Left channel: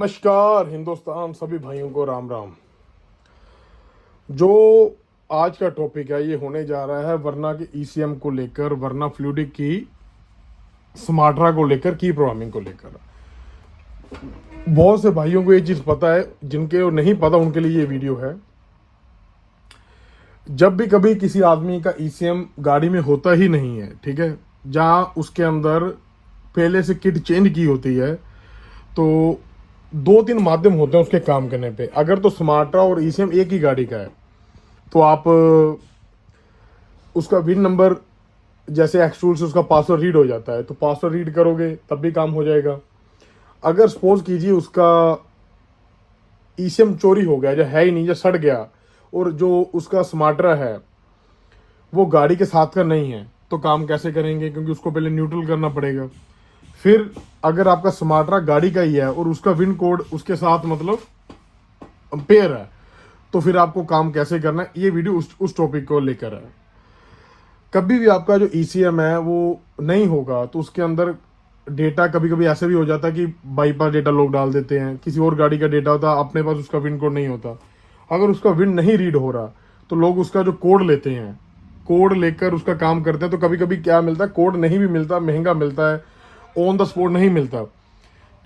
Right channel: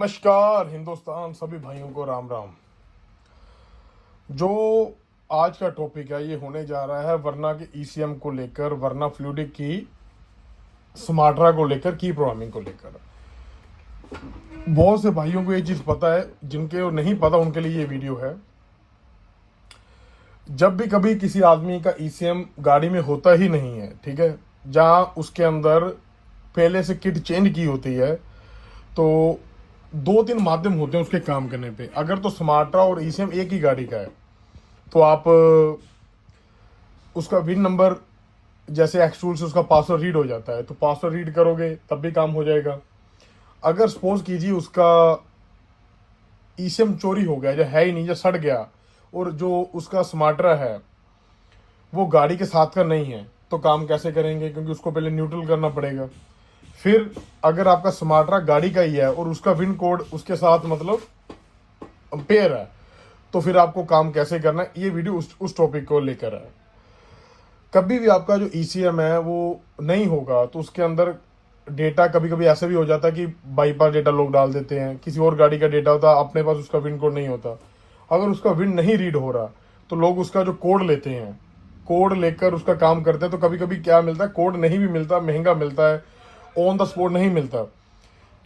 नमस्कार हिंदुस्तान, सभी भाइयों को राम राम। जो आज का टॉपिक है ये होने जा रहा है वरना के ईसीएम को लेकर, वरना फ्लूइडिक की स्मार्ट्रा को लेकर, की प्रोग्रामिंग को लेकर। बहुत से भाइयों को ये चीज पता है, जिनके नहीं पता उनके लिए ये वीडियो है। जब भी कभी किसी आदमी का ईसीएम गाड़ी में होता ही नहीं है, ठीक है, जहां उसके अंदर पहले से किट चेंज की होती है, तो दो तीन माध्यम होते हैं उसके काम करने पे। अगर तो स्मार्ट्रा और ईसीएम एक ही गाड़ी का है तो आप उसका विन नंबर, जैसे एक्सटूल से उसका पासवर्ड रीड हो जाता है तो पासवर्ड रीड करोगे तब भी काम हो जाएगा। अगर सपोज कीजिए उसका ईसीएम चोरी हो गया, जो है ही नहीं, जो सड़ गया, और जो उसका स्मार्ट्रा है वो गाड़ी के साथ का नहीं है, तो काम कैसे करेंगे? क्योंकि उसको पहले न्यूट्रल करना पड़ेगा। फिर अगर आपका स्मार्ट्रा गाड़ी का ही है और उसका विन कोड उसके साथ मतलब पेयर है, तो फिर आपको काम कैसे करना है? ये वीडियो उस टॉपिक को लेकर है। कभी भी आपका जो ईसीएम है वो नहीं होगा तो उसके अंदर डेटा कभी कभी ऐसा भी हो जाता है कि बाईपास डेटा लोग डाल देते हैं, किसी और गाड़ी का डेटा होता है, अपने पास उसका विन कोड नहीं होता। अगर उसका विन नहीं रीड हो रहा तो लोग उसका जो कोड लेते हैं, कोड लेकर उसका काम करते हैं। तो कभी कभी क्या मिलता है, कोड नहीं भी मिलता, महंगा मिलता है, ऑन द स्पॉट नहीं मिलता।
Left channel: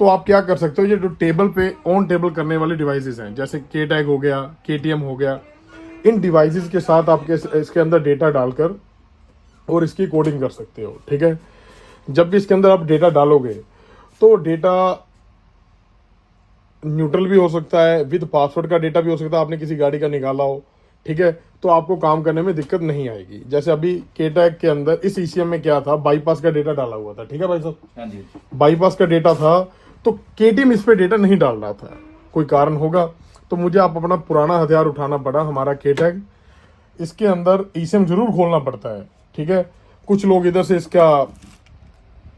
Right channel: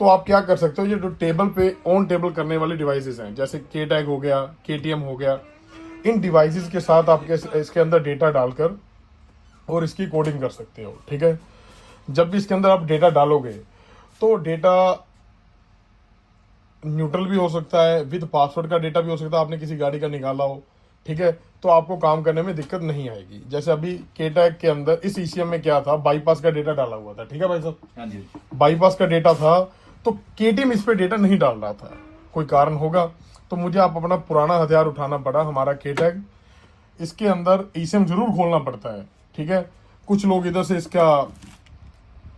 तो आप क्या कर सकते हो, ये जो टेबल पे ऑन टेबल करने वाले डिवाइसेस हैं, जैसे के टैग हो गया, केटीएम हो गया, इन डिवाइसेस के साथ आपके इसके अंदर डेटा डालकर और इसकी कोडिंग कर सकते हो। ठीक है, जब भी इसके अंदर आप डेटा डालोगे तो डेटा न्यूट्रल भी हो सकता है, विद पासवर्ड का डेटा भी हो सकता है, आपने किसी गाड़ी का निकाला हो, ठीक है, तो आपको काम करने में दिक्कत नहीं आएगी। जैसे अभी के टैग के अंदर इस ईसीएम में क्या था, बाईपास का डेटा डाला हुआ था, ठीक है भाई साहब, हाँ जी, बाईपास का डेटा था, तो केटीएम इस पे डेटा नहीं डाल रहा था, कोई कारण होगा, तो मुझे आप अपना पुराना हथियार उठाना पड़ा, हमारा के टैग। इसके अंदर ईसीएम जरूर खोलना पड़ता है, ठीक है, कुछ लोग इधर से इसका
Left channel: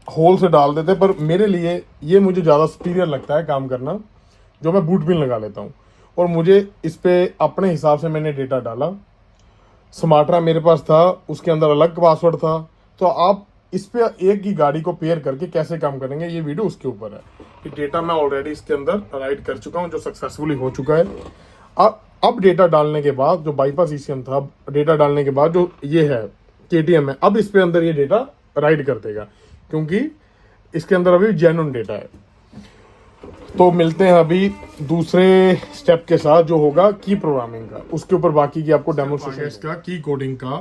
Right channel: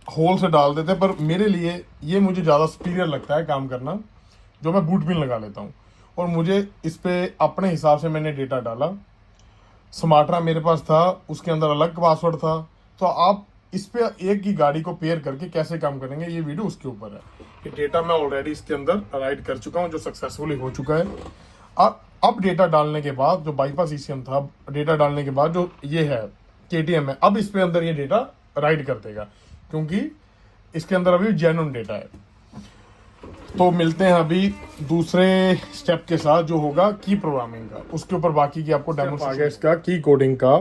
होल से डाल देते, पर मेरे लिए ये मुझे ज्यादा सुपीरियर लगता है काम करना, जो मैं बूट पिन लगा लेता हूँ और मुझे इस पे अपने हिसाब से मैंने डेटा डाला। स्मार्ट्रा मेरे पास था, उसके अंदर अलग पासवर्ड था। तो आप इस पे एक ही गाड़ी को पेयर करके कैसे काम करेंगे, ये वीडियो उसके ऊपर है। कि डेटा मैं ऑलरेडी इसके अंदर राइट कर चुका हूँ, जो सक्सेसफुली हो चुका है। अब डेटा डालने के बाद, जो बाईपास ईसीएम था, डेटा डालने के बाद जो ये है केटीएम है, अब इस पे अंदर ये डेटा राइट कर देगा, क्योंकि इसके अंदर अभी जेन्युइन डेटा है। तो मिलते हैं अभी दूसरे स्टेप के साथ, जो होगा की प्रोग्रामिंग का। उसके ऊपर बाकी की आपको डेमोन्स्ट्रेशन इसका की कोडिंग का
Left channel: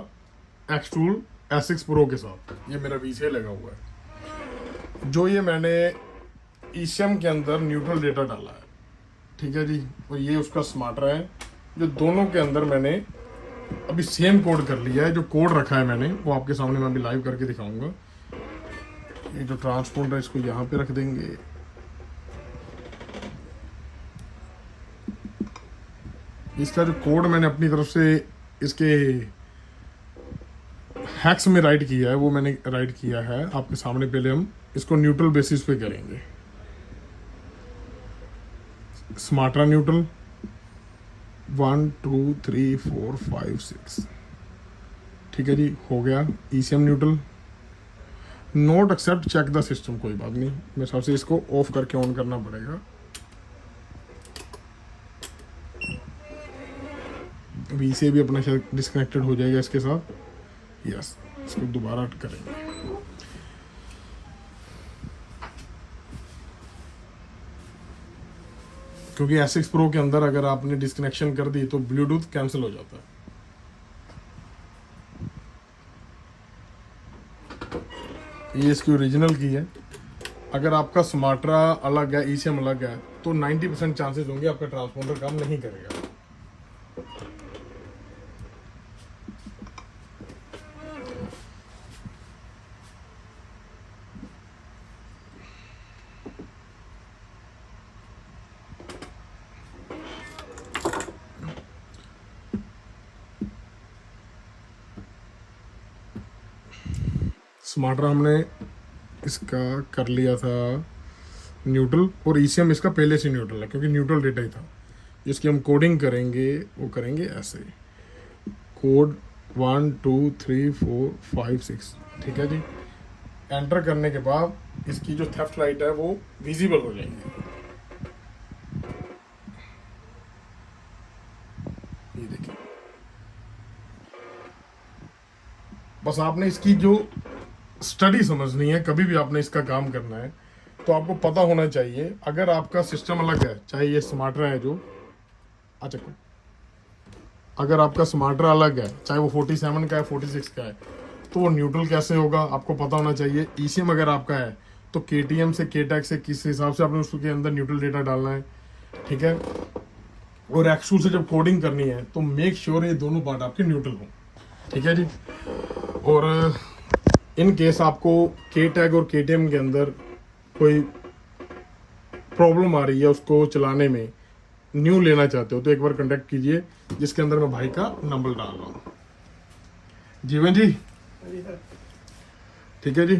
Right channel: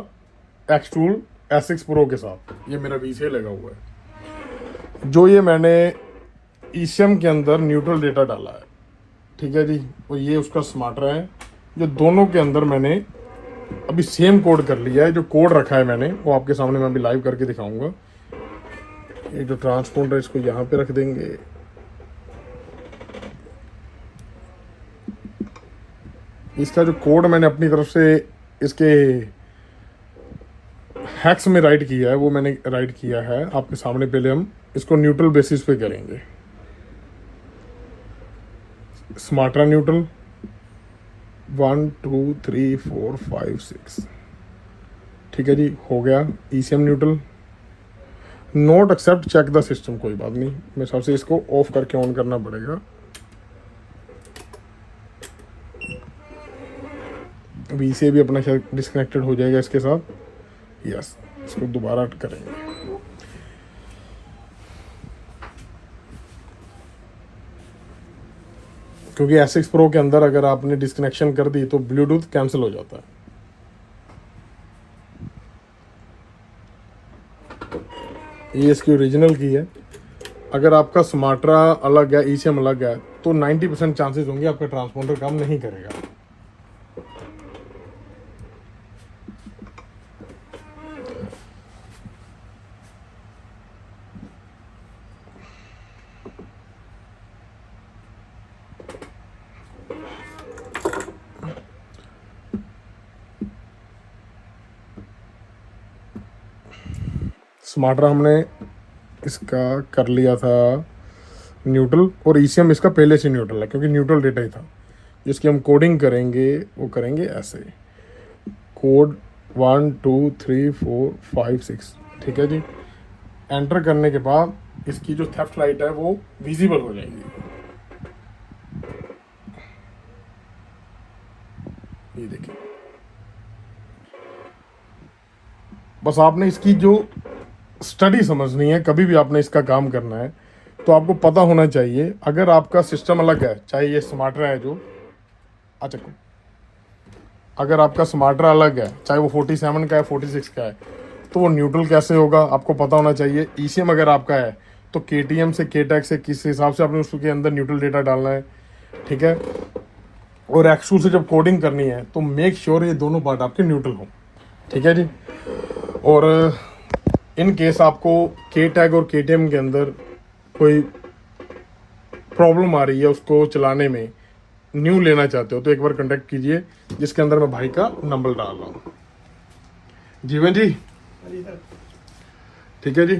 एक्सटूल S6 प्रो के साथ। ये मेरा वीसीए लगा हुआ है, जो ये मैंने ईसीएम के अंदर न्यूट्रल डेटा डाला है, ठीक है जी। और ये उसका स्मार्ट्रा है, जो दोनों के अंदर मैंने अभी सेम कोड कर लिया है। जो कोड रखा है मैंने वो आपके सामने मैं अभी लाइव करके दिखाऊंगा। ये जो ट्रांसपोंडर है इसको यहाँ पे रख देंगे। इसका जो कोड मैंने अपनी तरफ से इसके हैक्स में राइट किया है, वो मैंने राइट किया है आपके सामने। पहले हम इसको न्यूट्रल बेसिस पे करेंगे। स्मार्ट्रा न्यूट्रल 1 2 3 4 5 6, ठीक है जी, हो गया। ECM neutral, not accept check the system, कोई बात नहीं, मेरे हिसाब से इसको ऑफ करके ऑन करना पड़ेगा। अभी इसे भी अपना शायद डिस्कनेक्टेड हो जाएगा इसके साथ। यस, इसको दोबारा करेंगे। क्योंकि S6 प्रो के अंदर अगर आपने डिस्कनेक्शन कर दी तो ब्लूटूथ कैंसिल हो जाता है। ये इसकी ओरिजिनल की है। अगर आपका स्मार्ट्रा अलग है, ईसीएम अलग है, तो 90% चांसेस होंगे आपका ट्रांसपोंडर काम नहीं करेगा। स्मार्ट्रा हमने इसका कर लिया था न्यूट्रल, और ईसीएम इसका पहले से न्यूट्रल है, क्योंकि न्यूट्रल डेटा ही था। जिसकी हम कोडिंग करेंगे वो करेंगे ऐसे, कोड 1 2 3 4 5 6, ठीक है जी। एंटर करने के बाद इसकी जो थेफ्ट लाइट है वो विजिबल हो जाएगी। ये देखिए, बस आपने इसकी जो स्टडी समझनी है, कभी भी आपने इसका काम करना है तो आपको पता होना चाहिए। अगर आपका सिस्टम अलग है, चाहे ये स्मार्टरा है जो, अच्छा, अगर आपका स्मार्टरा अलग है, चाहे वो 47 का है 46 का है, तो वो न्यूट्रल कैसे होगा आपको पता होना चाहिए। ईसीएम अगर आपका है तो केटीएम से केटेक से किस हिसाब से आपने उसके अंदर न्यूट्रल डेटा डालना है, ठीक है। और एक्सट्रूड से जब कोडिंग करनी है तो मेक श्योर ये दोनों पार्ट आपके न्यूट्रल हों, ठीक है जी। और इन केस आपको के टैग और केटीएम के अंदर कोई प्रॉब्लम आ रही है उसको चलाने में, न्यू लेना चाहते हो, तो एक बार कांटेक्ट कीजिए, जिसके अंदर मैं भाई का नंबर डाल रहा हूँ। जीवन जी, ठीक है जी।